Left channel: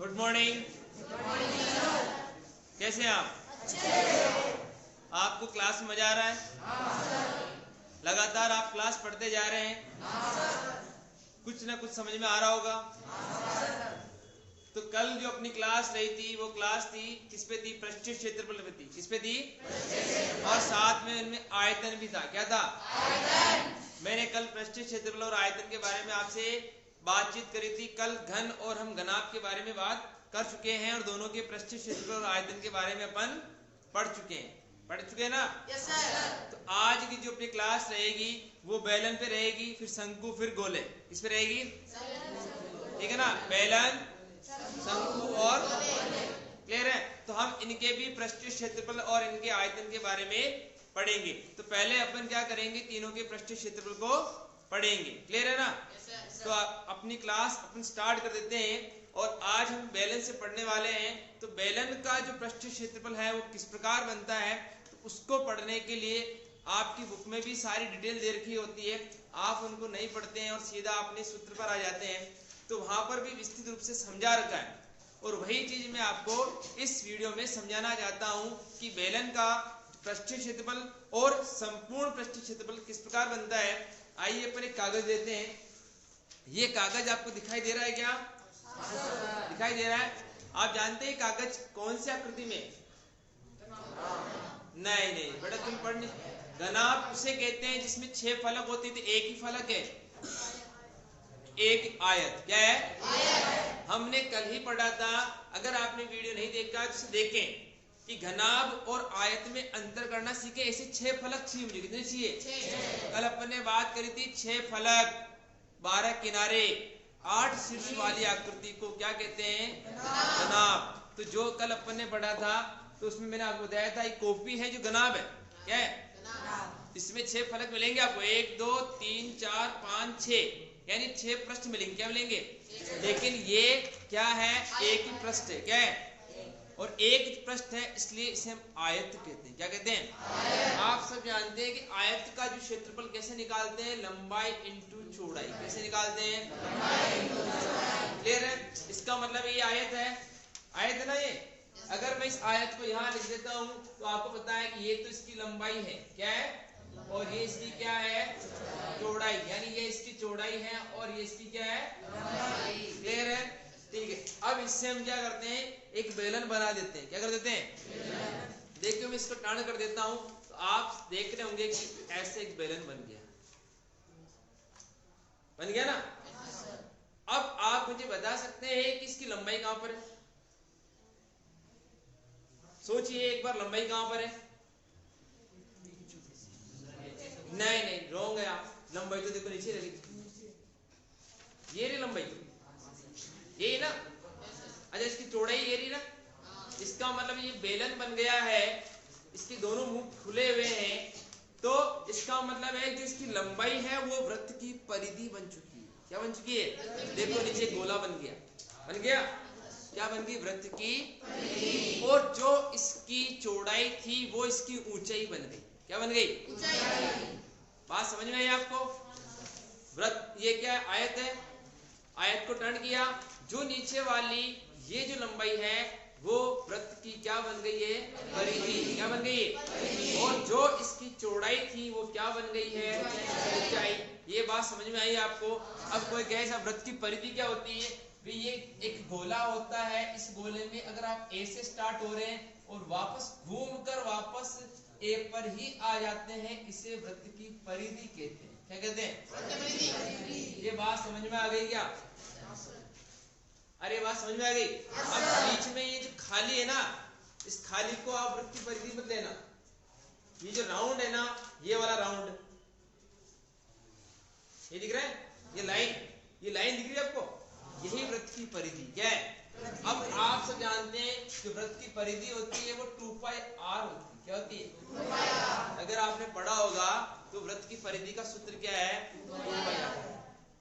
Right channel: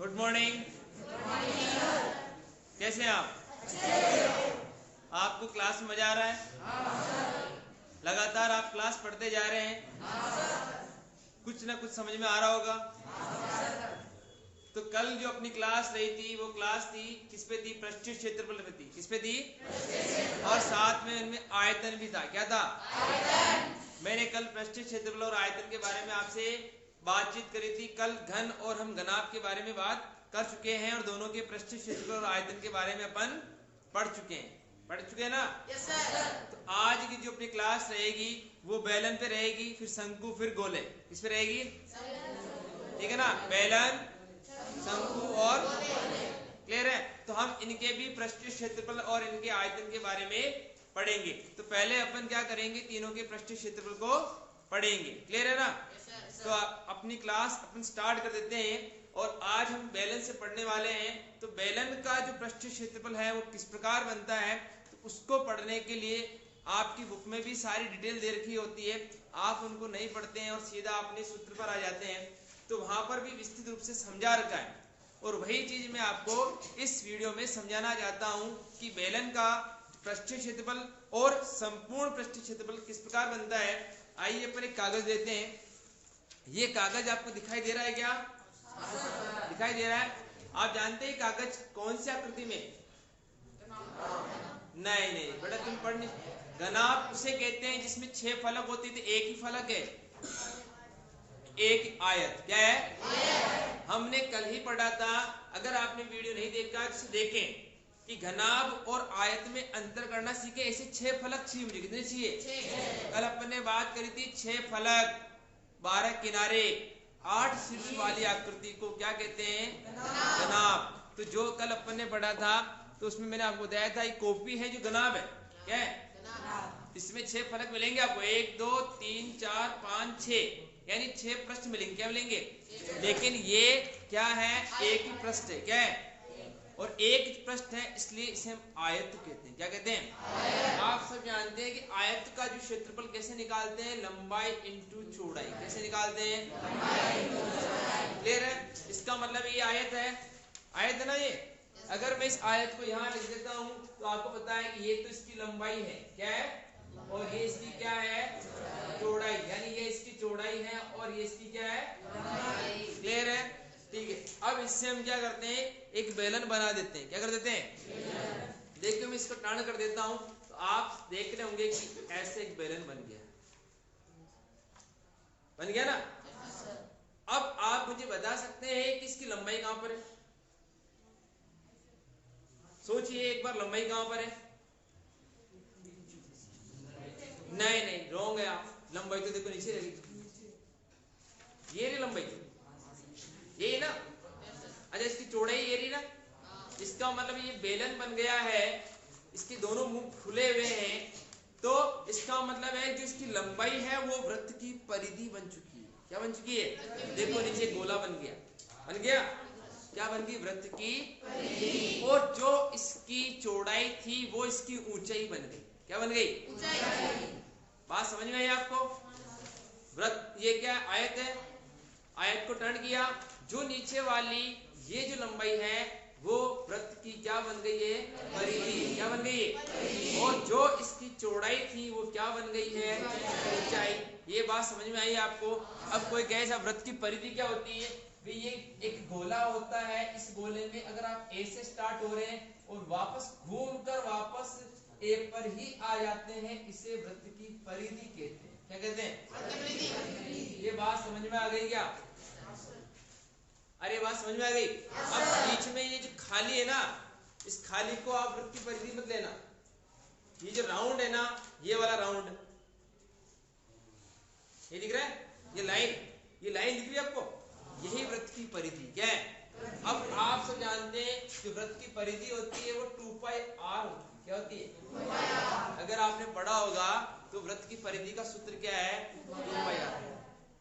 Good morning. कैसे हैं आप? आपको क्लास में मजा आ रहा है? लगातार आप क्लास पढ़ते जा रहे हैं? कुछ ना कुछ समझ में आ रहा होगा। तो कल जो अपनी क्लास रही थी वो क्लास थी किस पे थी? पृष्ठीय क्षेत्रफल पे थी। किस पे थी? और साथ में इनमें आयतन भी था। क्या था? आयतन। मैंने कल पृष्ठीय क्षेत्रफल और आयतन के बारे में आपसे बातचीत करी थी। कल घन और हम घनाभ के बारे में बात कर चुके हैं और दोनों के पृष्ठीय क्षेत्रफल और आयतन के बारे में अपन पढ़ चुके हैं ना? Yes sir. तो आज की जो अपनी क्लास रहेगी वो बेलन पे रहेगी, फिर शंकु, फिर गोले। किस पे रहेगी? ठीक है ना? बेलन, शंकु और क्लियर है। तो हम इनके भी पृष्ठीय क्षेत्रफल और इनके आयतन के बारे में पढ़ेंगे। तो पहले अपन क्या करेंगे? तीनों के पृष्ठीय क्षेत्रफल को पढ़ेंगे। क्लियर है ना? तो अपनी क्लास अपन स्टार्ट कर देते हैं और आज हम बेलन से पढ़ने वाले हैं। तो बेलन का जो पृष्ठीय क्षेत्रफल है वो किस प्रकार बनता है, तो उसको पढ़ने के लिए आपकी बुक में भी सारी डिटेल दे रखी होती है। आप उनको नहीं पढ़ते हैं और सीधा अपने सूत्र पर आ जाते हैं, तो वहां पर भी विस्तृत रूप से समझा रखा है। और वही चीज मैं आपको इस वीडियो में समझाना चाहता हूं कि बेलन का पृष्ठीय क्षेत्रफल और संपूर्ण पृष्ठीय क्षेत्रफल किस प्रकार बनता है। आइए अपन एक कागज देते हैं। ये कागज आपको दिखाई दे रहा है क्या? दिखाई दे रहा है। आप जानते हैं कागज कौन सी आकृति में? नहीं बेटा, तुम पढ़ नहीं। घनाभ उसे कहते हैं जिसमें 6 फलक होते थे, एक ही फलक है, एक आयत। क्या है? आयत। हमने कल ही पढ़ा था, अगर आपने वीडियो नहीं देखा तो देखें कि घनाभ और आयत में अंतर करना सीखे। ऐसे 6 फलक चाहिए मुझे। कितने चाहिए? कल अपन ने बात करी थी 6 फलक, 12 किनारे, 8 शीर्ष वाली आकृति को क्या कहते हैं? घनाभ। तो जो कल अपन ने पढ़ा था तो उसमें मैंने आपको बताया था, ये कॉपी है जो घनाभ है। क्या है? इसमें 6 फलक मिलेंगे आपको, 1 2 3 4 5 6, यानी 6 पृष्ठ मिलेंगे। क्या मिलेंगे? लेकिन ये क्या है? एक ही पृष्ठ है। क्या है? और एक पृष्ठ है, इसलिए इसे हम आयत कहते हैं। क्या कहते हैं? आप सब जानते हैं कि आयत का जो क्षेत्रफल कैसे निकालते हैं? लंबाई इंटू चौड़ाई। कैसे निकालते हैं? क्लियर है? इसका मतलब ये आयत है। आयत है ना ये। अगर मैं इस आयत को यहाँ लिख देता हूँ तो आपको पता है कि ये तो इसकी लंबाई है। क्या है? और ये इसकी क्या है? चौड़ाई। यानी ये इसकी चौड़ाई है और ये इसकी क्या है? क्लियर है? ठीक है। अब इससे हम क्या करते हैं? एक बेलन बना देते हैं। क्या कर देते हैं? देखिए मैं इसको टाण कर देता हूं तो आप देख रहे होंगे कि ऐसे एक बेलन बन गया। बन गया ना? अब आप मुझे बता सकते हैं कि इसकी लंबाई कहां पर है? सोचिए एक बार, लंबाई कहां पर है? नहीं रॉन्ग है आप। लंबाई तो देखो नीचे रही। ये रही लंबाई, ये ना। अच्छा, इसकी चौड़ाई ये रही ना। इसका मतलब ये बेलन बन गया है, इसके दोनों मुंह खुले हुए हैं। तो इसका मतलब है जो इसकी लंबाई है वो वृत्त की परिधि बन चुकी है। क्या बन चुकी है? देखो नीचे गोला बन गया। बन गया? क्या बन गई? वृत्त की परिधि। और जो इसकी चौड़ाई थी वो इसकी ऊंचाई बन गई। क्या बन गई? ऊंचाई। बात समझ में आई आपको? वृत्त ये क्या है? आयत है। आयत को टर्न किया, जो नीचे वाली ये जो लंबाई है वो वृत्त की क्या बन गई है? परिधि। क्या बन गई है? और जो इसकी चौड़ाई थी वो क्या बन गई है? ऊंचाई। ये बात समझ में आई आपको? अब कोई कहे वृत्त की परिधि क्या होती है? भी ये एक गोला होता है, इस गोले में अगर आप ए से स्टार्ट हो रहे हैं और वापस घूमकर वापस ए पर ही आ जाते हैं, इसे वृत्त की परिधि कहते हैं। क्या कहते हैं? ये बात समझ में आ गई क्या? अरे बात समझ में आ गई? अब बीच में ये जो खाली है ना, इस खाली को आप वृत्त की परिधि मत लेना। ये जो राउंड है ना, ये वाला राउंड, ये दिख रहा है? ये लाइन दिख रही है आपको? यही वृत्त की परिधि। क्या है? अब आप सब जानते हैं कि वृत्त की परिधि होती है वो 2πr होती है। क्या होती है? अगर आपने पढ़ा होगा तो वृत्त की परिधि का सूत्र क्या है? 2πr।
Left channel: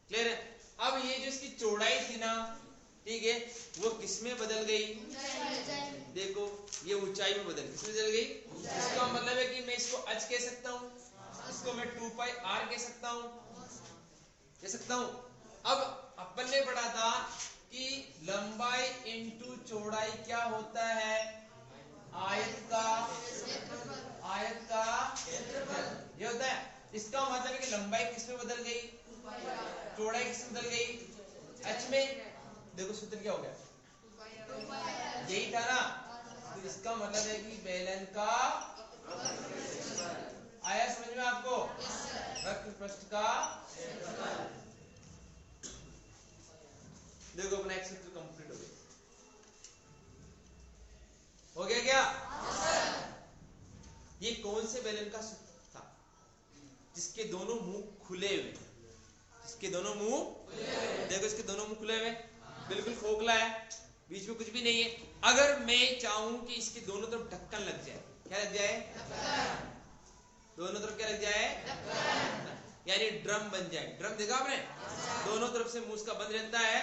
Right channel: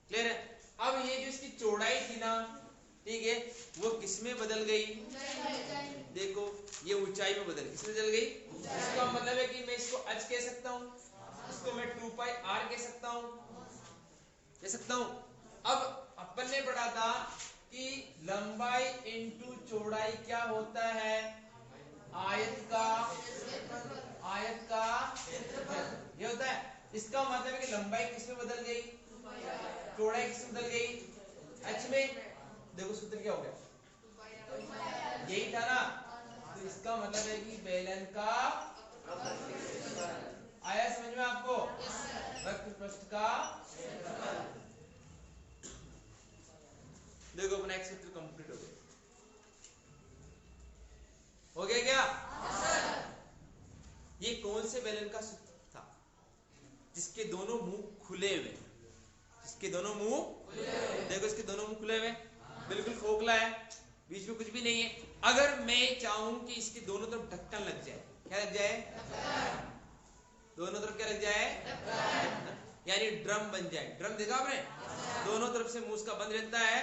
क्लियर है? अब ये जो इसकी चौड़ाई थी ना, ठीक है, वो किसमें बदल गई? देखो ये ऊंचाई में बदल गई। किसमें बदल गई? इसका मतलब है कि मैं इसको h कह सकता हूँ, इसको मैं 2πr कह सकता हूँ। अब अपन ने पढ़ा था कि लंबाई इंटू चौड़ाई क्या होता है? आयत का ये होता है। इसका मतलब है कि लंबाई किस में बदल गई? चौड़ाई किस में बदल गई? h में। देखो सूत्र क्या हो गया? यही था ना। तो इसका मतलब है कि बेलन का आया समझ में आपको? वक्र पृष्ठ का। देखो अपना एक सूत्र कंप्लीट हो गया। हो गया क्या? ये कौन से बेलन का सूत्र था? जिसके दोनों मुंह खुले हुए। इसके दोनों मुंह, देखो इसके दोनों मुंह खुले हुए, बिल्कुल खोखला है, बीच में कुछ भी नहीं है। अगर मैं चाहूं कि इसके दोनों तरफ ढक्कन लग जाए, क्या लग जाए? दोनों तरफ क्या लग जाए? यानी ड्रम बन जाए। ड्रम देखा आपने? दोनों तरफ से मुंह का बंद रहता है,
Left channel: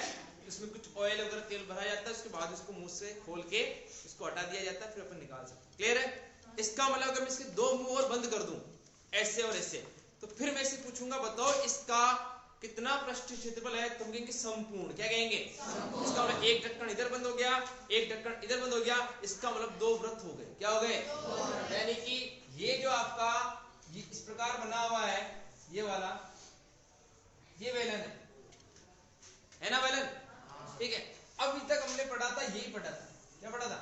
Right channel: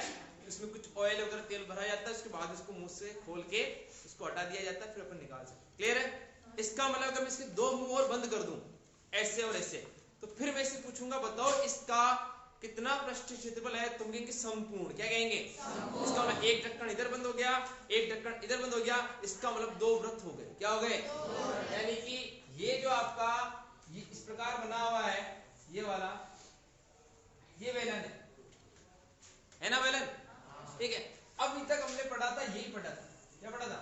उसमें कुछ ऑयल वगैरह तेल भरा जाता है, उसके बाद उसको मुंह से खोल के उसको हटा दिया जाता है, फिर अपन निकाल सकते। क्लियर है? इसका मतलब अगर मैं इसके दो मुंह और बंद कर दूं, ऐसे और ऐसे, तो फिर मैं इससे पूछूंगा बताओ इसका कितना पृष्ठ क्षेत्रफल है? तुम कहेंगे संपूर्ण। क्या कहेंगे? इसका मतलब एक ढक्कन इधर बंद हो गया, एक ढक्कन इधर बंद हो गया, इसका मतलब दो वृत्त हो गए। क्या हो गए? यानी कि ये जो आपका ये इस प्रकार बना हुआ है, ये वाला, ये बेलन है ना बेलन? ठीक है। अभी तक हमने पढ़ा था, यही पढ़ा था। क्या पढ़ा था?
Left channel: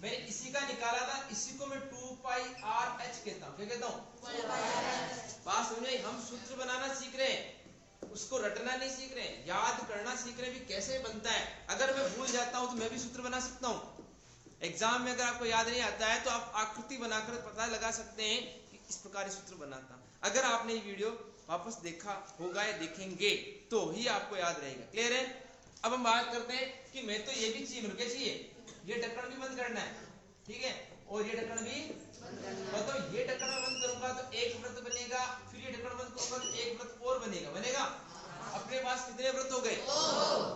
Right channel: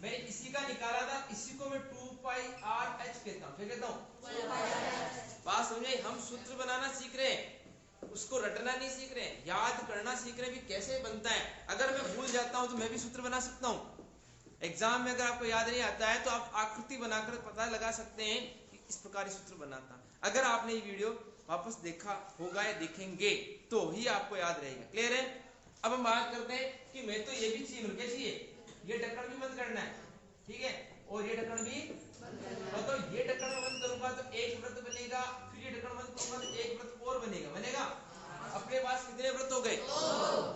मैंने इसी का निकाला था, इसी को मैं 2πr(h) कहता हूं। क्या कहता हूं? बात समझे? हम सूत्र बनाना सीख रहे हैं, उसको रटना नहीं सीख रहे हैं, याद करना सीख रहे हैं भी कैसे बनता है। अगर मैं भूल जाता हूं तो मैं भी सूत्र बना सकता हूं। एग्जाम में अगर आपको याद नहीं आता है तो आप आकृति बनाकर पता लगा सकते हैं कि इस प्रकार सूत्र बनाता। अगर आपने ये वीडियो वापस देखा होगा या देखेंगे तो ही आपको याद रहेगा। क्लियर है? अब हम बात करते हैं कि मैं तो ये भी चाहिए, मुझे चाहिए ये ढक्कन भी बंद करना है, ठीक है, और ये ढक्कन भी मतलब ये ढक्कन में बंद करूंगा तो एक वृत्त बनेगा, फिर ये ढक्कन बंद करूंगा तो एक वृत्त और बनेगा। अपने पास कितने वृत्त हो गए?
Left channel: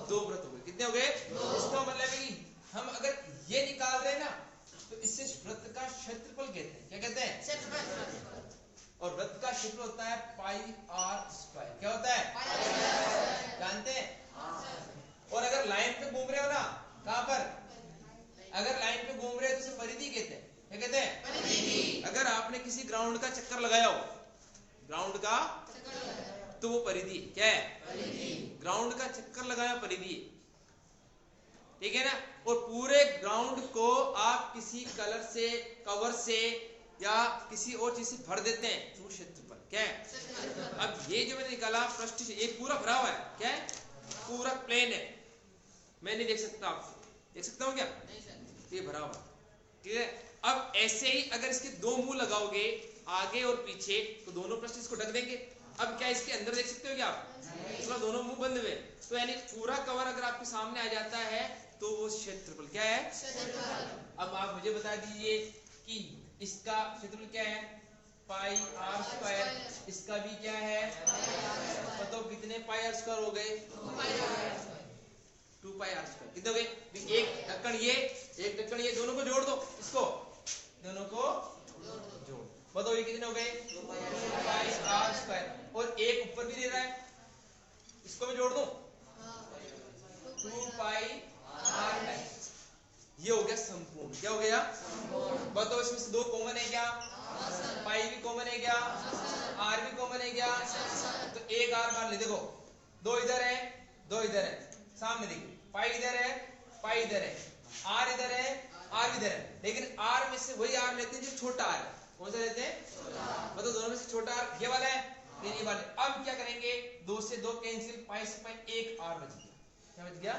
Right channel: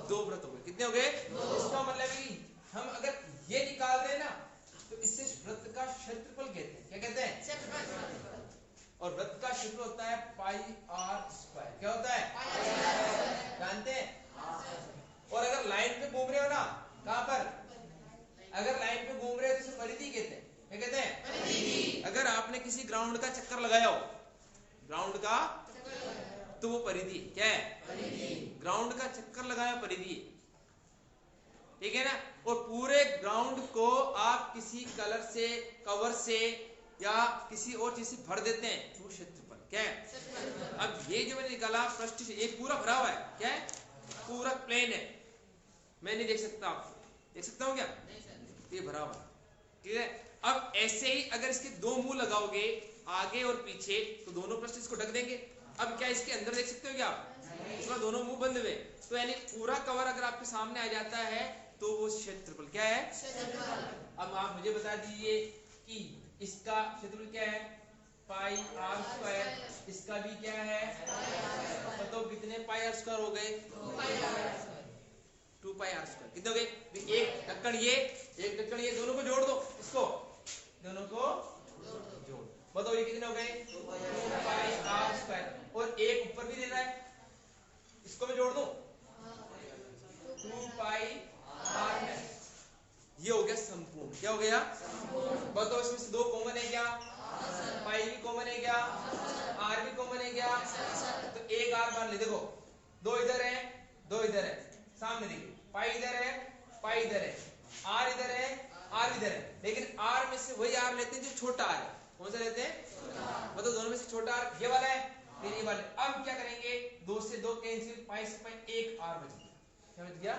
दो वृत्त हो गए। कितने हो गए? इसका मतलब है कि हम अगर ये निकाल रहे हैं ना तो इससे वृत्त का क्षेत्रफल कहते हैं। क्या कहते हैं? और वृत्त का क्षेत्र होता है πr²। क्या होता है? जानते हैं? और अगर लाइन पे घूम रहे हो ना, कहां पर? अगर लाइन पे घूम रहे हो तो इसे परिधि कहते हैं। क्या कहते हैं? परिधि। अगर आपने किसी ग्राउंड का चक्कर लगाया हो, ग्राउंड का, तो वो परिधि। क्या है? परिधि। ग्राउंड का चक्कर लगाया परिधि, ठीक है ना। और पूरे ग्राउंड को आप किसी कलर से, कवर से या किसी और चीज से भर देते हैं तो क्षेत्रफल क्या है? अब ये जो मैंने निकाला पृष्ठ, ये पूरा भरा हुआ है। क्या है? पूरा प्लेन है, मैं नहीं देख सकता, आपको देख सकता हूँ क्या? ये भरा हुआ, ठीक है। अब ऐसे ही अगर इसके दो मुंह लगाओगे आगे और पीछे तो दोनों पृष्ठ इसको ढक देंगे। अब क्या इसके अंदर देख सकते हो क्या आप? इसमें दोनों मुंह बंद हुए, तो यानी पूरा कवर अगर आपके सामने आ जाता है तो वो क्षेत्रफल क्या है? अब आप मुझे बता दीजिए कि इसका क्षेत्रफल क्या है? πr²। इसका भी क्या है? बताओ कितने πr² हो गए? 2πr²। कितने हो गए? एक ढक्कन ये, एक ढक्कन ये, दोनों को जोड़ दो, इसको दोनों को जोड़। बताओ ये कितने हो गए? 2πr²। और एक ऊपर भी दे रहा है, इसको मैं जोड़ दूं, 2πr²। ये हो गया संपूर्ण। क्या हो गया? बताओ इसमें से दो कॉमन है क्या? पाई भी कॉमन है क्या? आर भी कॉमन है क्या? तो एक आर मान ले। देखो दो इधर है, दो इधर है, सामने देखिए, पाई इधर है, पाई इधर है, आर इधर है, आर इधर है, लेकिन आर में से वही आर लेते हैं जो छोटा आर है। कौन सा लेते हैं? मतलब दोनों में से छोटा आर ये वाला है, फिर ये वाला। अब क्या करेंगे? दो से दो कैंसिल, पाई से पाई, एक आर बच गया। क्या बच गया?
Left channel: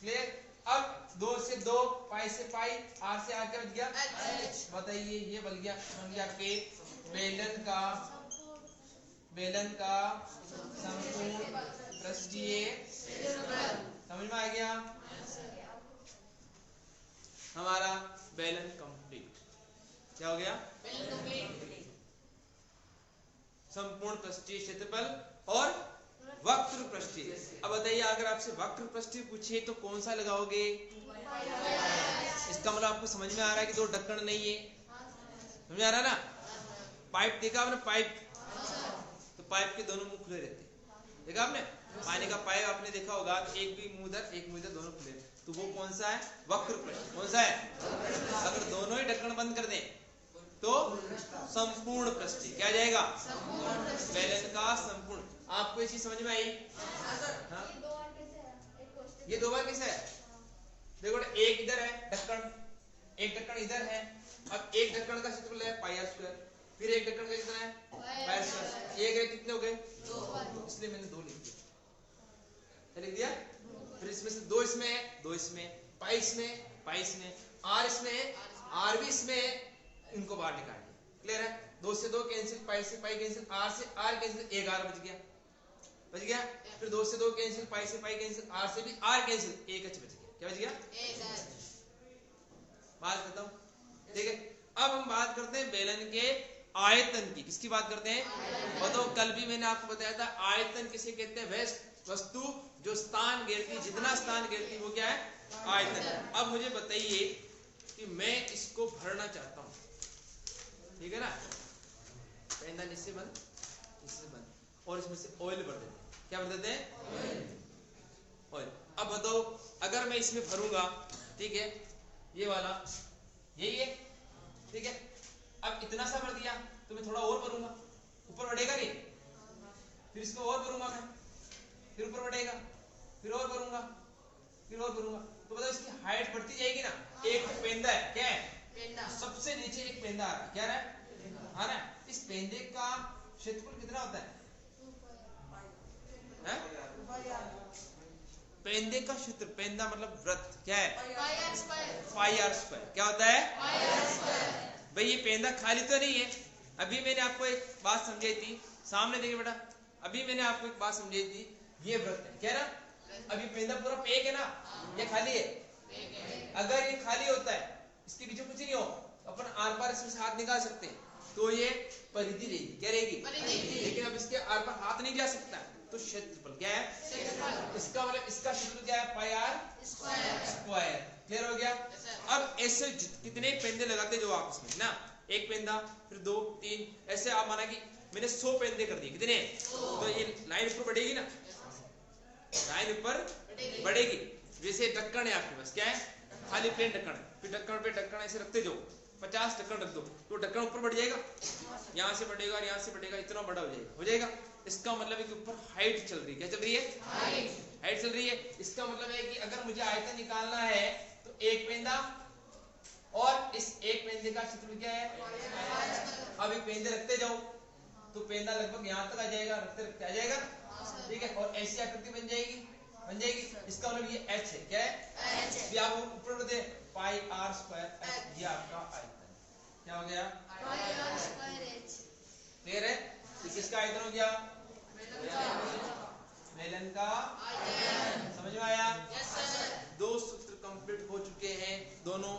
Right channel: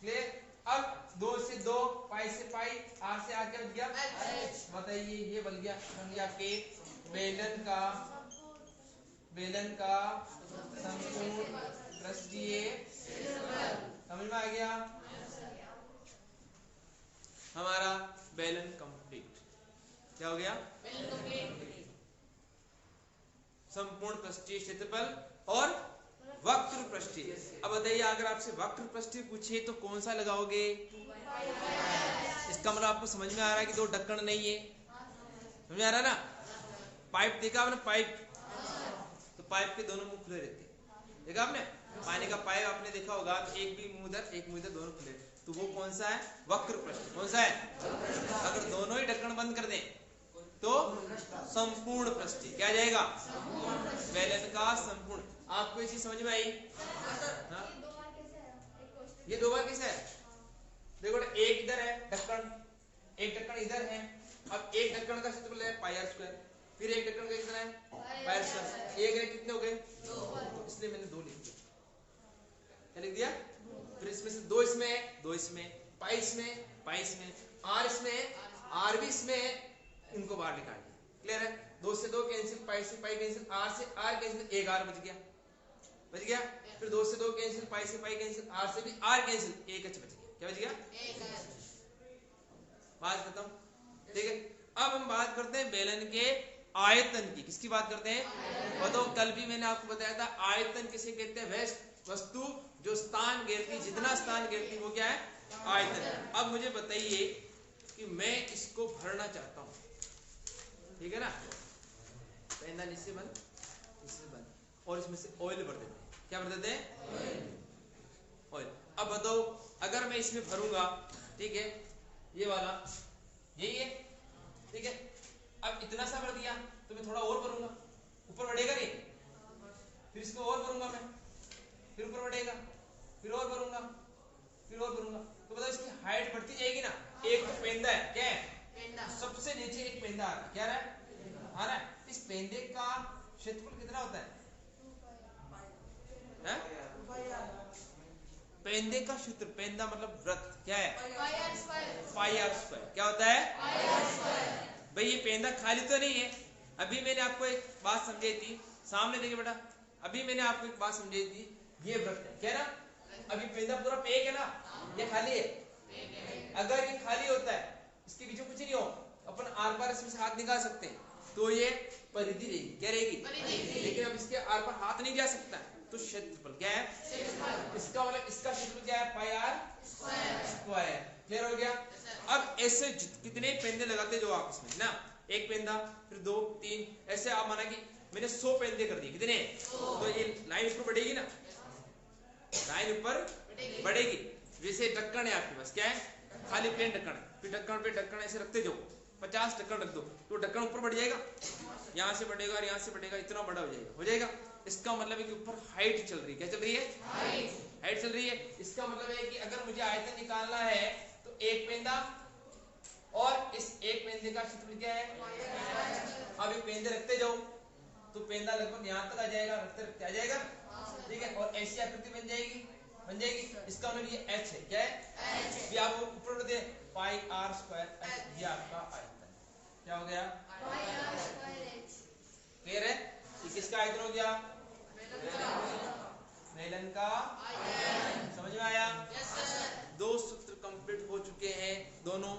क्लियर? अब दो से दो, पाई से पाई, आर से आर क्या बच गया? बताइए, ये बन गया आपके बेलन का संपूर्ण पृष्ठीय। समझ में आ गया? हमारा बेलन कंप्लीट। क्या हो गया? बेलन कंप्लीट। संपूर्ण पृष्ठीय क्षेत्रफल और वक्र पृष्ठीय। अब बताइए अगर आपसे वक्र पृष्ठीय पूछे तो कौन सा लगाओगे? इसका मतलब आपको समझ में आ रहा है कि दो ढक्कन नहीं है। समझ में आ रहा है ना? पाइप देखा आपने? पाइप, तो पाइप के दोनों मुंह खुले रहते हैं, देखा आपने? पानी का पाइप आपने देखा होगा, एक भी मुंह इधर एक मुंह इधर, दोनों खुले, तो वो कौन सा है? वक्र पृष्ठ। कौन सा है? अगर दोनों ही ढक्कन बंद कर दें तो संपूर्ण पृष्ठ। क्या जाएगा? बेलन का संपूर्ण। आपको इसी समझ में आई? ये दो बार कैसे है? देखो एक इधर है ढक्कन, एक ढक्कन इधर है। अब एक ढक्कन का क्षेत्रफल है पाई आर स्क्वायर, फिर एक ढक्कन का कितना है? पाई आर स्क्वायर। एक है कितने हो गए? दो, इसलिए मैंने दो लिख दिया। क्या लिख दिया? फिर इसमें से दो इसमें, दो इसमें, पाई इसमें, पाई इसमें, आर इसमें, आर भी इसमें, इनको बाहर निकाल दिया। क्लियर है? दो से दो कैंसिल, पाई से पाई कैंसिल, आर से आर कैंसिल, एक आर बच गया, बच गया। फिर दो से दो कैंसिल, पाई से पाई कैंसिल, आर से भी आर कैंसिल, एक एच बच गया। क्या बच गया? एक एच। बात खत्म। ठीक है, अब हम बात करते हैं बेलन के आयतन की। किसकी बात करते हैं? बताओ, कल भी मैंने आपको बताया था आयतन किसे कहते हैं? वह वस्तु जो स्थान घेरती, जितना स्थान घेरती वो क्या है? आयतन। अब मुझे बताइए कि मैं इसको भरना चाहता हूं, ठीक है ना? पेंदा इससे बंद, इससे बंद, और इसमें से ऑयल भर देते हैं। क्या भर देते हैं? ऑयल। अब बताओ, अगर मैं इसमें भरूंगा, ठीक है, ये वाला यही है, ठीक है, अब इतना सा भर दिया तो मैं थोड़ा और भरूंगा, ऊपर बढ़ेगा नहीं? फिर इसको और भरूंगा मैं, फिर ऊपर बढ़ेगा, फिर और भरूंगा, फिर और भरूंगा, तो बताओ इसकी हाइट बढ़ती जाएगी ना? एक पेंदा है, क्या है? पेंदा। सबसे नीचे एक पेंदा आ रहा है, क्या रहा है? आ रहा है। इस पेंदे का क्षेत्रफल कितना होता है? पेंदे का क्षेत्र, पेंदा मतलब वृत्त, क्या है? पाई आर स्क्वायर। क्या होता है? भाई ये पेंदा खाली तो नहीं है। अभी मैंने आपको एक बात समझाई थी, सामने देखिए बेटा, अभी मैंने आपको एक बात समझाई थी, ये वृत्त है, क्या ना? अभी पेंदा पूरा पेक है ना, ये खाली है। अगर ये खाली होता है, इसके पीछे कुछ नहीं हो, अपन आर पार इसमें से हाथ निकाल सकते हैं, तो ये परिधि रहेगी। क्या रहेगी? लेकिन अब इसके आर पार हाथ नहीं जा सकता, तो क्षेत्रफल क्या है? इसका मतलब इसका क्षेत्रफल क्या है? पाई आर स्क्वायर। क्लियर हो गया? अब ऐसे कितने पेंदे लगाते जो आप इसमें ना, एक पेंदा, फिर दो, तीन, ऐसे आप माना कि मैंने 100 पेंदे कर दिए। कितने? तो ये लाइन ऊपर बढ़ेगी ना, लाइन ऊपर बढ़ेगी। जैसे ढक्कन है आपके पास, क्या है? खाली प्लेन ढक्कन है, फिर ढक्कन पे ढक्कन ऐसे रखते जाओ, 50 ढक्कन रख दो, तो ढक्कन ऊपर बढ़ जाएगा, यहाँ से बढ़ेगा और यहाँ से बढ़ेगा, इतना बड़ा हो जाएगा, हो जाएगा। इसका मतलब है कि ऊपर हाइट चल रही है। क्या चल रही है? हाइट चल रही है। इसका मतलब है कि अगर मुझे आयतन निकालना है तो एक पेंदा और इस एक पेंदे का क्षेत्रफल क्या है? अब ये पेंदे रखते जाओ तो पेंदा लगभग यहाँ तक आ जाएगा, रखते रखते आ जाएगा, ठीक है, और ऐसी आकृति बन जाएगी, बन जाएगी। इसका मतलब ये h है, क्या है? ये आप ऊपर बढ़ दे, पाई आर स्क्वायर, ये आपका आयतन क्या हो गया? क्लियर है? ये किसका आयतन हो गया? बेलन का आयतन। समझ में आया? Yes sir. दो सूत्र कंप्लीट हो चुके हैं दोनों।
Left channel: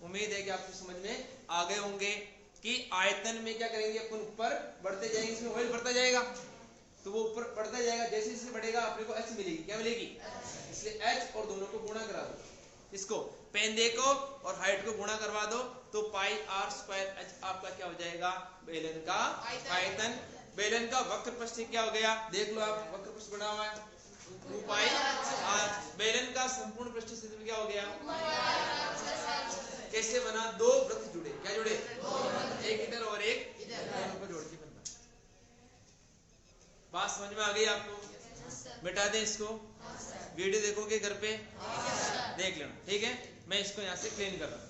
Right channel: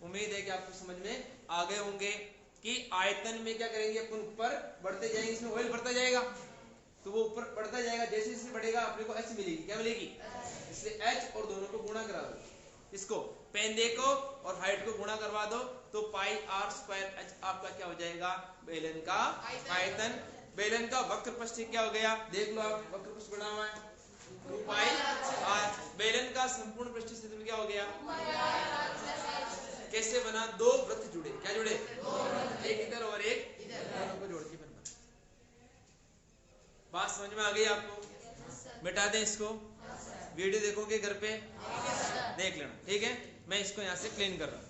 उम्मीद है कि आपको समझ में आ गए होंगे कि आयतन में क्या करेंगे, अपन ऊपर बढ़ते जाएंगे, इसमें ऑयल बढ़ता जाएगा तो वो ऊपर बढ़ता जाएगा, जैसे जैसे बढ़ेगा अपने को h मिलेगी। क्या मिलेगी? इसलिए h और दोनों को गुणा करा दो, इसको पेंदे को और हाइट को गुणा करवा दो, तो पाई आर स्क्वायर h आपका क्या हो जाएगा? बेलन का आयतन। बेलन का वक्र पृष्ठ क्या हो गया? देख लो आप, वक्र पृष्ठ बना हुआ है 2 पाई आर। बेलन का संपूर्ण पृष्ठ क्षेत्रफल क्या हो गया? कैसे बना? दो वृत्त जुड़े, क्या जुड़े? एक इधर और एक इधर, दोनों को जोड़ के बना। बात समझ में आ गई आपको? मिटा दें इसको, वीडियो देखोगे घर पे, देख लेना, ठीक है? मैं इसको यहाँ से क्लीन कर रहा हूँ।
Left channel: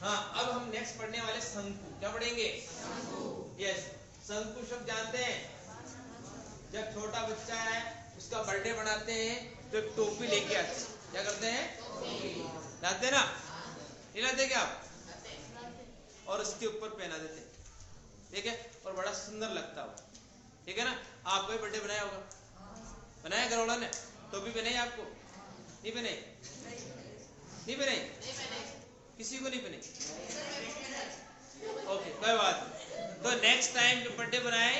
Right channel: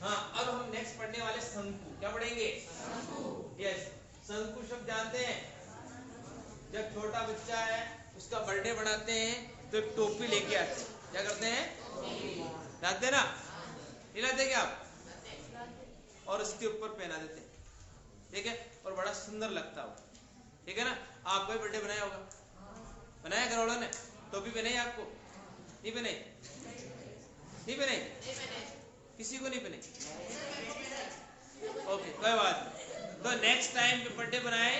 हाँ, अब हम नेक्स्ट पढ़ने वाले शंकु। क्या पढ़ेंगे? यस, शंकु शब्द जानते हैं? जब छोटा बच्चा है उसका बर्थडे बनाते हैं तो एक टोपी लेके आते हैं, क्या करते हैं? लाते ना? नहीं लाते क्या आप? और उसके ऊपर पहना देते हैं, ठीक है, और बड़ा सुंदर लगता है, ठीक है ना? आपको भी बर्थडे बनाया होगा, बनाया घर वालों ने? टोपी पहनाई आपको? नहीं पहनाई? नहीं पहनाई? किसी को नहीं पहनाई? ओके, कोई बात नहीं। तो नेक्स्ट टाइम जब बर्थडे बनाए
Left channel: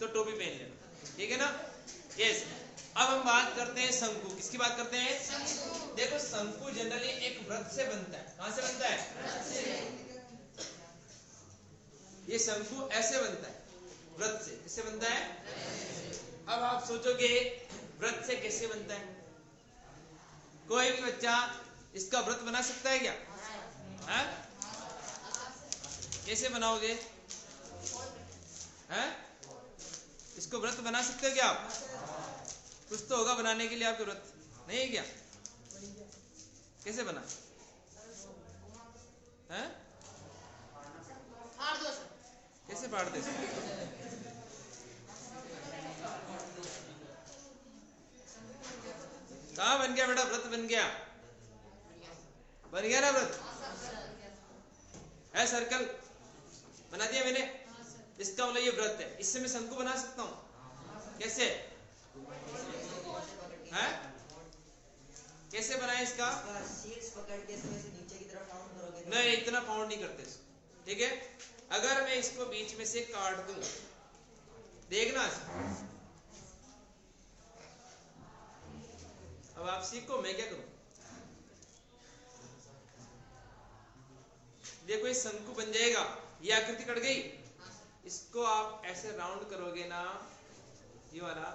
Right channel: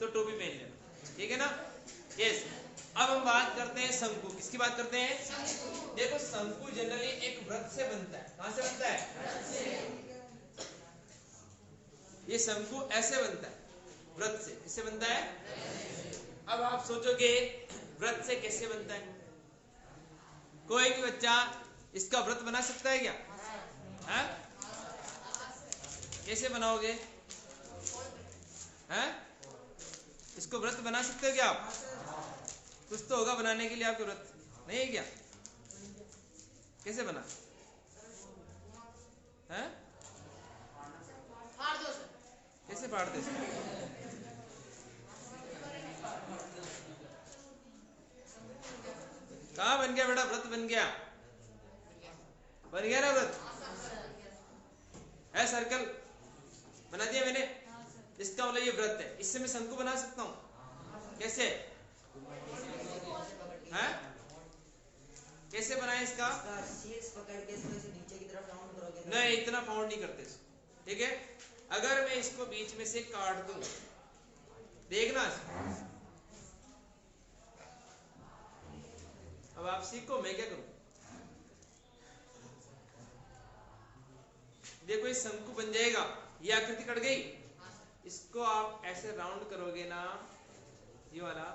तो टोपी पहन लेना, ठीक है ना? यस। अब हम बात करते हैं शंकु। किसकी बात करते हैं? देखो, शंकु जनरली एक वृत्त से बनता है। कहां से बनता है? ये शंकु ऐसे बनता है, वृत्त से। किससे बनता है? अब आप सोचोगे व्रत से कैसे बनता है? कोई भी बच्चा इसका व्रत बना सकता है क्या? है? कैसे बनाओगे? हैं? इसको व्रत बना सकते हो क्या आप? कुछ तो होगा बनाने के लिए आपके व्रत, नहीं है क्या? कैसे बना है? कैसे फाड़ते? कहाँ बन गया बेटा? व्रत बन गया? बन गया ना व्रत? है सर्कल बना दिया मैंने। इसका मतलब ये व्रत है। इससे मैं शंकु बना सकता हूँ। कैसे है? कैसे बनाए इसका? नहीं, इतना फाउंड नहीं करते इसको, ठीक है? अगर मैं इसको बीच में से काट दूं, देखना अब आप सीखो, मैं क्या करूं? देखो ये शंकु बन जाएगा, ये आकृति कट गई। इसको आप ऐसे राउंड करोगे ना, ये वाला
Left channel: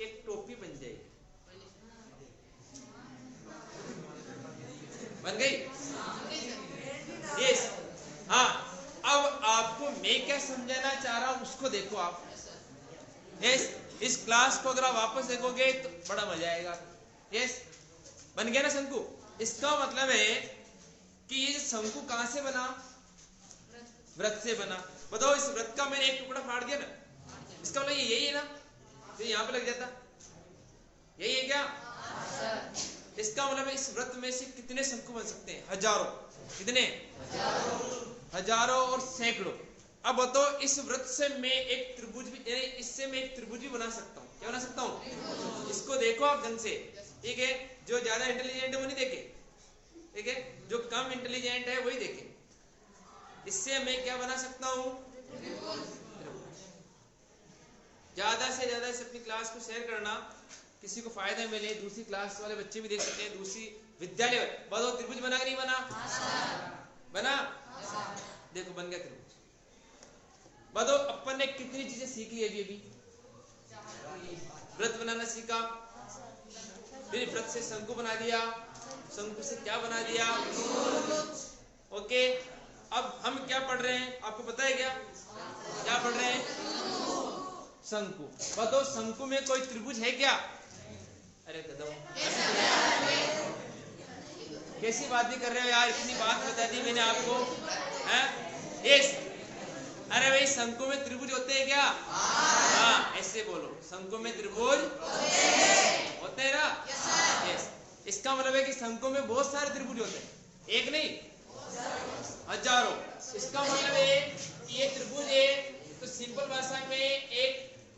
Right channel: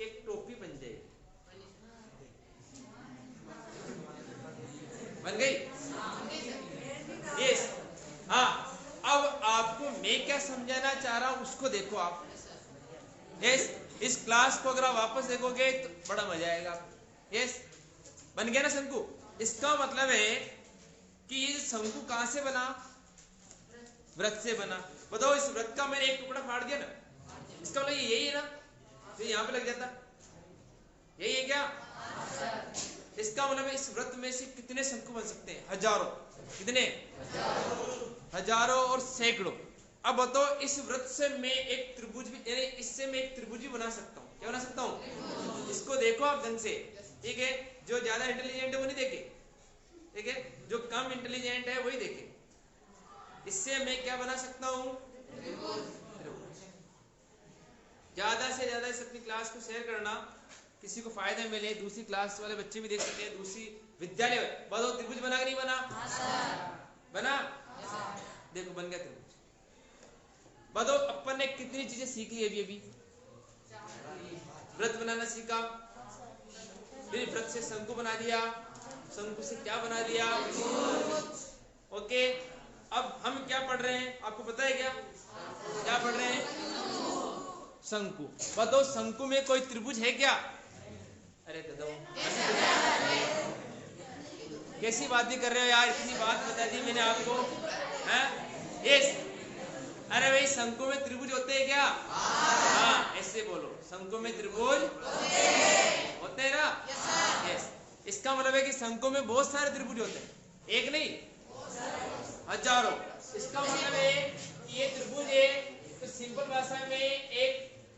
एक टोपी बन जाएगी। बन गई? यस। हाँ, अब आपको मैं क्या समझाना चाह रहा हूं उसको देखो आप। यस, इस क्लास को अगर आप वापस देखोगे तो बड़ा मजा आएगा। यस, बन गया ना शंकु? इसका मतलब है कि ये शंकु कहां से बना? व्रत से बना। बताओ, इस व्रत का मैंने एक टुकड़ा फाड़ दिया ना, इसका मतलब यही है ना जो यहाँ पे लग जाता, यही है क्या? इसका मतलब इस व्रत में से कितने शंकु बन सकते हैं? हजारों। कितने? हजारों और सैकड़ों। अब बताओ, इस व्रत से मैं एक त्रिभुज भी, यानी इससे मैं एक त्रिभुज भी बना सकता हूँ। क्या बना सकता हूँ? इसको देखो आप ढंग से, ठीक है? जो ज्यादा इंटेलिजेंट है वो नहीं देखे, ठीक है? जो कम इंटेलिजेंट है वही देखे। इससे मैं क्या बना सकता हूँ? ज्यादा से ज्यादा इस अपनी क्लास को शेयर करना, किसी को फायदा मिले, दूसरी क्लास वाले बच्चे भी देख सकते हैं, दूसरी विद्यालय। बताओ, त्रिभुज बना कि नहीं बना? बना? देखो बन गया त्रिभुज। बताओ, अपन ने कितनी चीजें सीख ली अभी? व्रत बनाना सीखा, फिर व्रत से शंकु बना दिया, शंकु से क्या बना दिया? ओके, अब हम क्या पढ़ रहे हैं आपको पता है क्या? क्या पढ़ रहे हैं? शंकु। बताओ, शंकु में कोई त्रिभुज है क्या? अरे गधो, कैसी बातें कर रहे हो यार? इतनी बात बता दी मैंने आपको, हैं? यस। अरे भाई, शंकु में त्रिभुज होते हैं क्या? हाँ, ऐसे बोलो, शंकु में त्रिभुज होते हैं ना? यस। इसका मतलब है कि शंकु में बहुत सारे त्रिभुज होते हैं, एक नहीं हजारों। इसका मतलब है कि ये त्रिभुज है, तो सिंपल भाषा में एक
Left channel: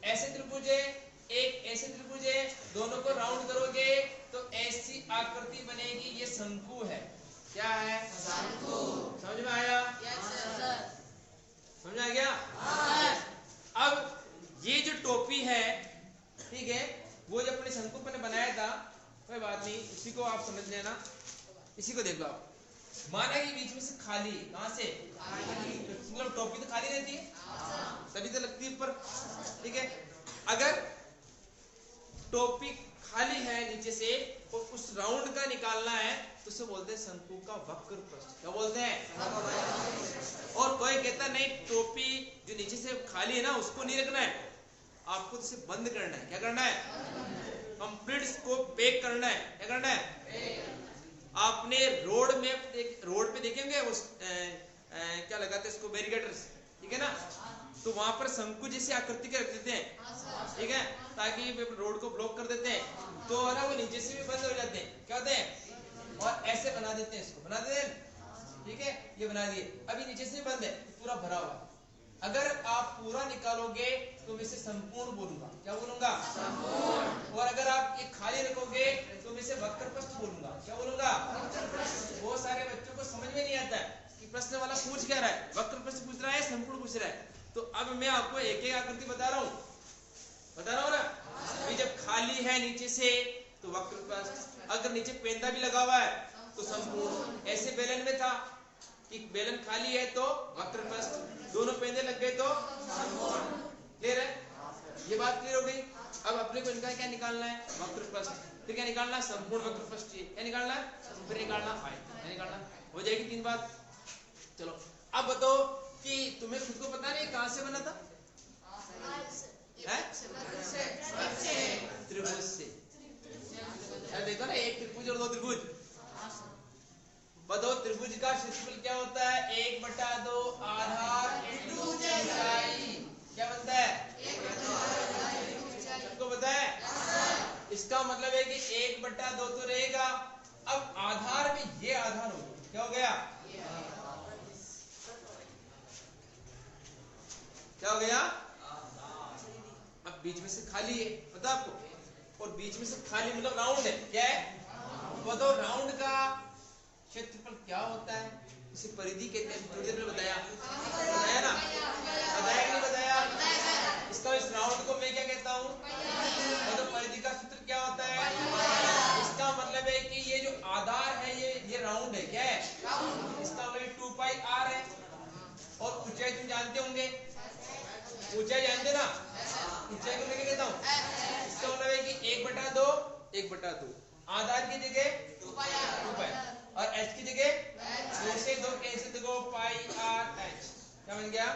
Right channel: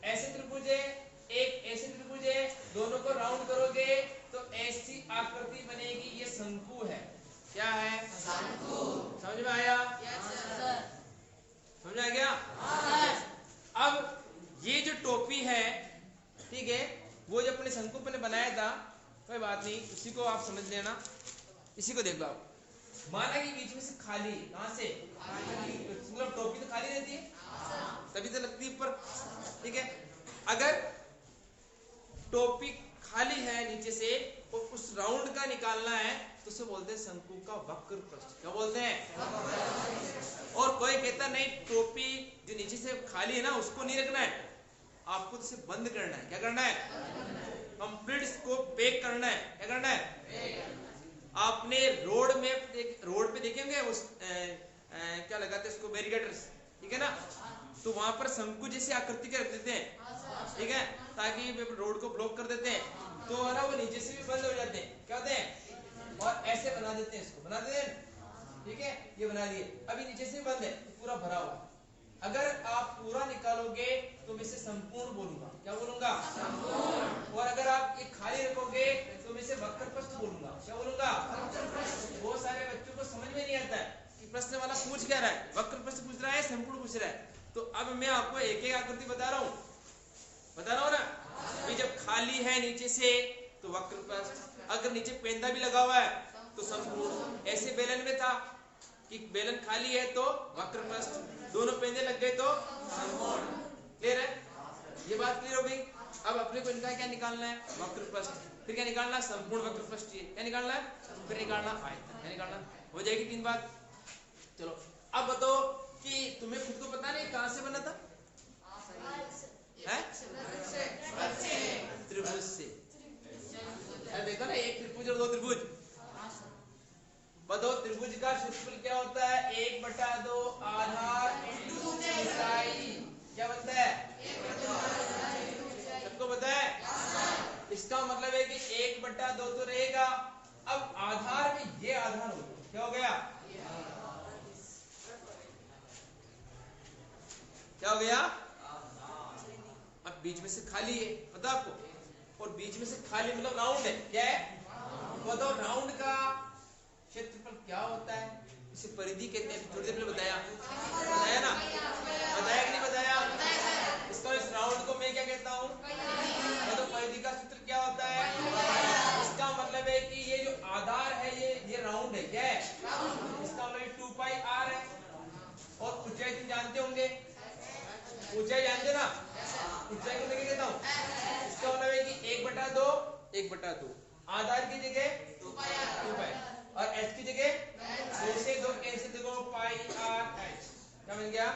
ऐसे त्रिभुज है, एक ऐसे त्रिभुज है, दोनों को राउंड करोगे तो ऐसी आकृति बनेगी। ये शंकु है। क्या है? शंकु। समझ में आया? समझ आ गया? अब ये जो टोपी है, ठीक है, वो जो अपने शंकु पे बनाया था, कोई बात नहीं, उसी को आप समझ लेना। इसी को देख लो आप। माना कि बीच में से खाली, कहां से? मतलब टोपी तो खाली रहती है, तभी तो लगती है ऊपर, ठीक है? अगर टोपी खाली है नीचे से और उस राउंड का निकालना है तो उसे बोलते हैं शंकु का वक्र पृष्ठ। क्या बोलते हैं? और कोई कहता नहीं, टोपी जो नीचे से खाली है ना उसको नहीं रखना है, आपको तो इसे बंद करना है। क्या करना है? कंप्लीट इसको पैक करना है। क्या करना है? आपने रोड पे देखेंगे उस क्या लगाते हैं इसको, बैरिकेडर्स, ठीक है ना? तो वहां पर शंकु जैसी आकृति के रख देते हैं, ठीक है, ताकि रोड को ब्लॉक कर देते हैं, तो है ना वो नीचे से भी बंद हो जाते हैं। क्या होते हैं? और ऐसे बना देते हैं, इसको बना देते हैं, ठीक है? ये बना दिए, अभी नीचे से बंद है, पूरा भरा हुआ। अगर आप पूरा निकालोगे तो मैं इसे संपूर्ण बोलूंगा। क्या बोलूंगा? संपूर्ण। और अगर आप ये खाली रखोगे तो मैं इसे वक्र पृष्ठ बोलूंगा। क्या बोलूंगा? बहुत सारे बच्चों को समझ में नहीं आता है कि प्रश्न वाला पूछ क्या रहा है, वक्र पृष्ठ पूछ रहा है, संपूर्ण पूछ रहा है। तो अब मैं आपको एक एक आकृति बता रहा हूँ ना। ये जब खाली है नीचे से तो वक्र पृष्ठ, अगर नीचे पेंदा भी लगा हुआ है तो संपूर्ण। ऐसे बेलन में था कि बेलन खाली है तो वक्र पृष्ठ, दोनों पेंदे लग गए तो संपूर्ण। क्लियर है? ये बात क्लियर होगी। अब अपने को इनका क्या निकालना है, वक्रपृष्ठ, फिर क्या निकालना, संपूर्ण वक्रपृष्ठ, क्या निकालना है, फिर निकालना आयतन, क्या निकालना, हो जाएगी 3 बात। चलो अब बताओ कि तुम्हें खुद को पता नहीं कहां से बना था, त्रिभुज से। देखो ना, एक त्रिभुज और 2 त्रिभुज। बताओ त्रिभुज का क्षेत्रफल क्या होता है, 1/2 आधार इंटू ऊंचाई, क्या बनता है, सबको पता है। इसका मतलब है कि 1/2 तो रहेगा। अब आधार में ये आधार हो गया, क्या हो गया, क्या हो गया, अब बीच में से खाली है, पता आपको, और बीच में से खाली मतलब राउंड है, क्या है, बताओ राउंड का क्षेत्रफल क्या होता है, इसे परिधि कहते हैं। थोड़ी देर में बताया ना, बताया कि नहीं बताया, इसका इस राउंड को मैं क्या कहता हूँ, तो परिधि का सूत्र क्या होता है, इसका मतलब है कि ये जो आधार है ये राउंड है, क्या है, इसका मतलब 2πr है। और ऊंचाई तुम जानते होंगे, ऊंचाई जानते ना, ऊंचाई को मैं क्या कहता हूँ, इसका मतलब है कि 1/2 आधार की जगह 2π और h की जगह 2 से 2 कैंसिल, देखो πr/h क्या बन गया,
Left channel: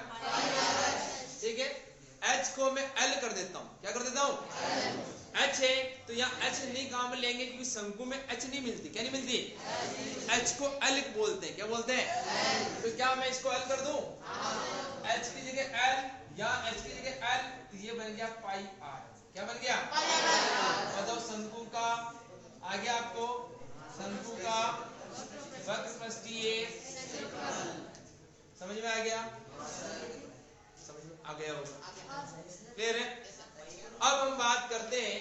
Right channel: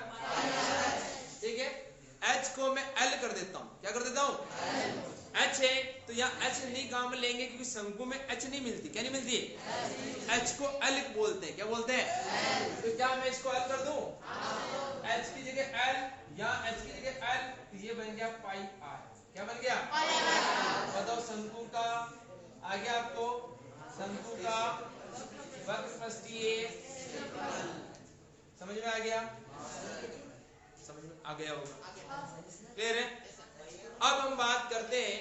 ठीक है। h को मैं l कर देता हूँ, क्या कर देता हूँ, h है तो यहाँ h नहीं काम में लेंगे क्योंकि शंकु में h नहीं मिलती, क्या नहीं मिलती, h को l बोलते हैं, क्या बोलते हैं, तो क्या मैं इसको l कर दूं, h की जगह l, यहाँ h की जगह l, तो ये बन गया πr, क्या बन गया, बताओ शंकु का आ गया आपको, शंकु का वक्रपृष्ठीय समझ में आ गया, समझ में आ गया होगा, क्लियर है। अब हम बात करते हैं,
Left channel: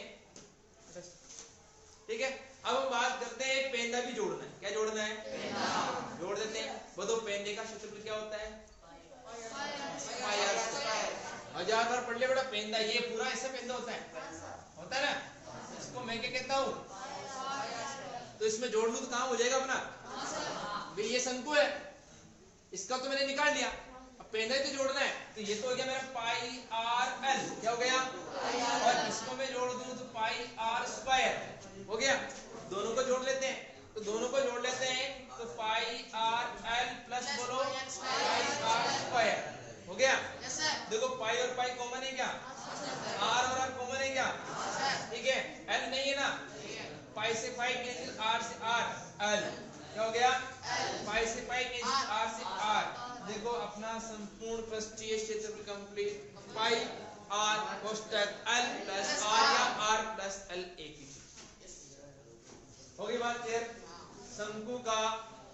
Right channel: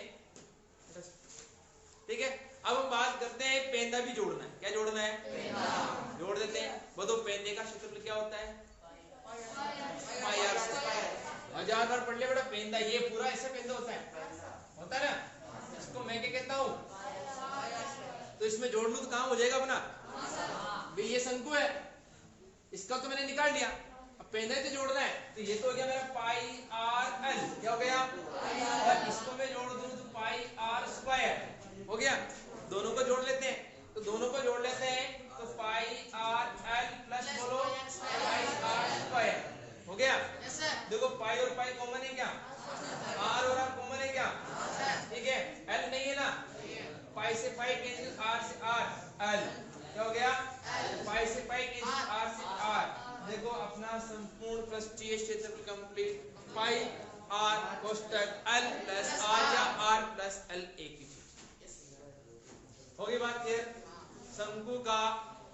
ठीक है, अब हम बात करते हैं पेंदा भी जोड़ना है, क्या जोड़ना है, पेंदा जोड़ देते हैं। बताओ पेंदे का क्षेत्रफल क्या होता है, हजार बार पढ़ लिया बेटा, पेंदा ये पूरा ऐसे पेंदा होता है ना, इसको मैं क्या कहता हूँ, तो इसमें जोड़ लूं तो काम हो जाएगा अपना, ये शंकु है, इसका तो मैंने निकाल लिया, अब पेंदा ही तो जोड़ना है, तो ये तो हो गया मेरा πr/l, क्या हो गया, और इसको मैं जोड़ दूं तो πr² हो गया। दोनों को जोड़ लेते हैं, तो दोनों को जोड़ लेते हैं तो πr/l प्लस बोलो πr² हो गया। देखो पाई और पाई कॉमन है क्या, r और r कॉमन है क्या, ठीक है, l नहीं है ना, पाई से पाई कैंसिल, r से r, l क्या हो गया, पाई से पाई कैंसिल, r से r। देखो अपना संपूर्ण पृष्ठीय क्षेत्रफल कंप्लीट, पाई r कोष्टक l प्लस r या r प्लस l एक ही चीज हो गई, बात क्लियर। शंकु का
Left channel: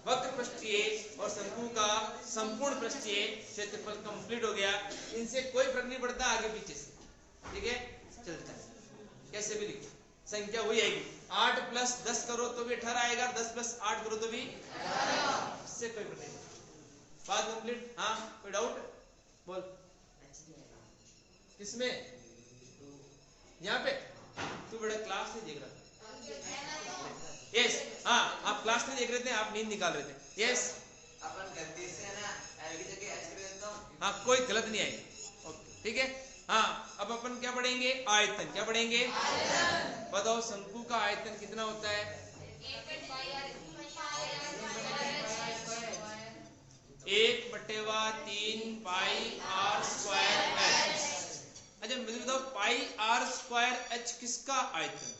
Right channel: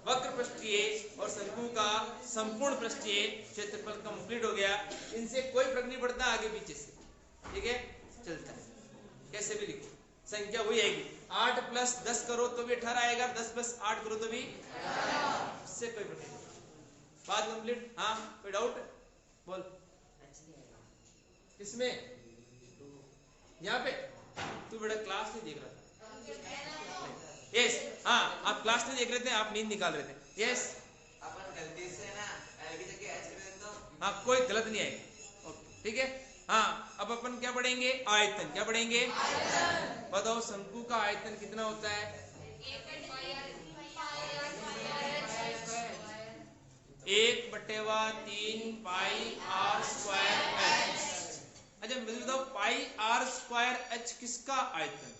वक्र पृष्ठीय और शंकु का संपूर्ण पृष्ठीय क्षेत्रफल कंप्लीट हो गया। इनसे कोई फर्क नहीं पड़ता आगे पीछे से, ठीक है, चलता है कैसे भी लिखो, संख्या वही आएगी। 8 + 10 करो तो भी 18 आएगा, 10 + 8 करो तो भी, इससे कोई फर्क नहीं। बात कंप्लीट, हाँ कोई डाउट बोल, किसमें, यहाँ पे तू बड़ा क्लास नहीं देख रहा, यस हाँ आप क्लास में देख रहे थे, आप नींद निकाल रहे थे, यस अपन गलती से ना एल की जगह एच लिख देता हूं, हाँ कोई गलत नहीं आएगा, ओके ठीक है। हाँ अब अपन क्या पढ़ेंगे, आयतन, क्या पढ़ेंगे, आयतन। बताओ शंकु का आयतन कितना होता है, 1/3 πr² h। अच्छा मुझे बताओ πr² h किसका आयतन,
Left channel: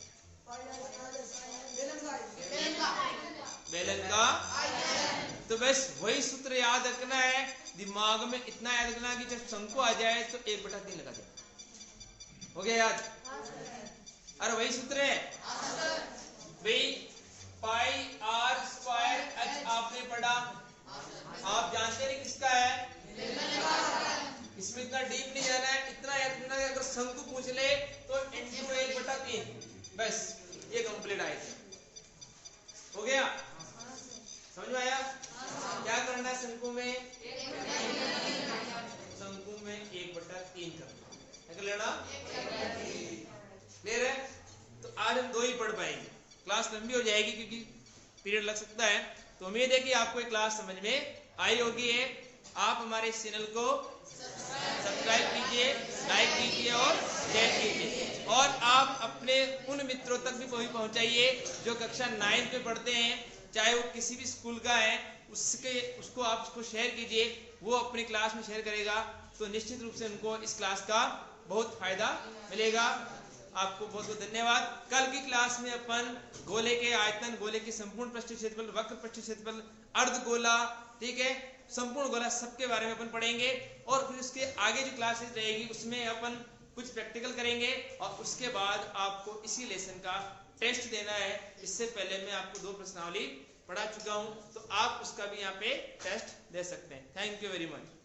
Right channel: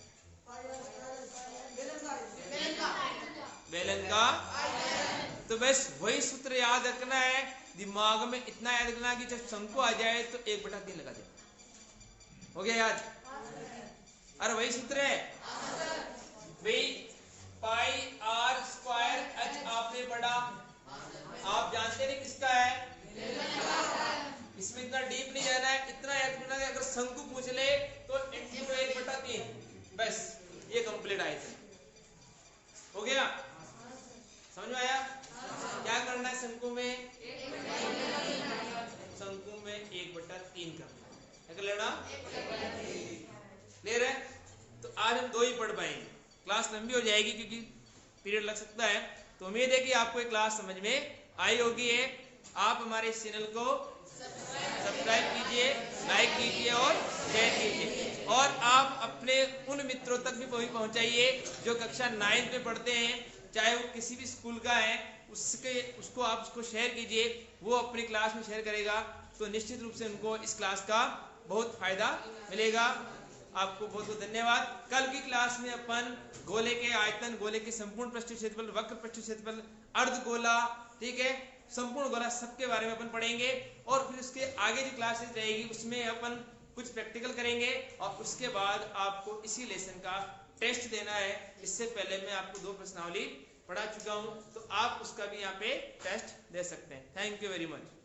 बेलन का, तो बस वही सूत्र याद रखना है, दिमाग में इतना याद रखना कि जब शंकु आ जाए तो 1/3 लगा जाए, हो गया याद, अरे वही सूत्र है भाई, πr² h आपने पढ़ा, आप जानते हैं किसका है, इसमें इतना डीप नहीं जाना है, इतना याद रखना है, अगर शंकु पूछ ले तो इंटू 1/3 बस, ये कंप्लीट आयतन हो गया, समझ में आया। क्या करना है शंकु में, शंकु में 1/3 करना है, लेना क्लियर है। तो आज हम 2 ही पढ़ पाएंगे, क्लास लंबी हो जाएगी क्योंकि पीरियड लग सकता है, तो उम्मीद है कि आपको ये क्लास समझ में आई होगी है। आप हमारे इस चैनल को सब्सक्राइब कीजिए, लाइक कीजिए और शेयर कीजिए। और आप अपने उन मित्रों तक भी पहुंचाइए जो कक्षा 9 पे पढ़ते हैं, चाहे वो किसी भी स्कूल का है, उसको आप उसको शेयर कीजिए। वो अपनी क्लास में शेयर करेगा तो निश्चित रूप से उनको इस क्लास का बहुत फायदा मिलेगा। आपको बहुत बहुत धन्यवाद। कल की क्लास में अपन गोले के आयतन, गोले के संपूर्ण पृष्ठ क्षेत्रफल, वक्र पृष्ठ क्षेत्रफल, अर्धगोला, ठीक है, संपूर्ण गोला, सबके बारे में अपन पढ़ेंगे। और फिर उसके आगे जो क्लासेस रहेगी उसमें अपन कुछ प्रैक्टिकल करेंगे और उसके बाद आपको इसी लेसन का टेस्ट देना है। इससे पहले मैं आपको 2 प्रश्नावली पढ़ा चुका हूं, तो आप उसका भी यहाँ पे टेस्ट दे सकते हैं। Thank you very much.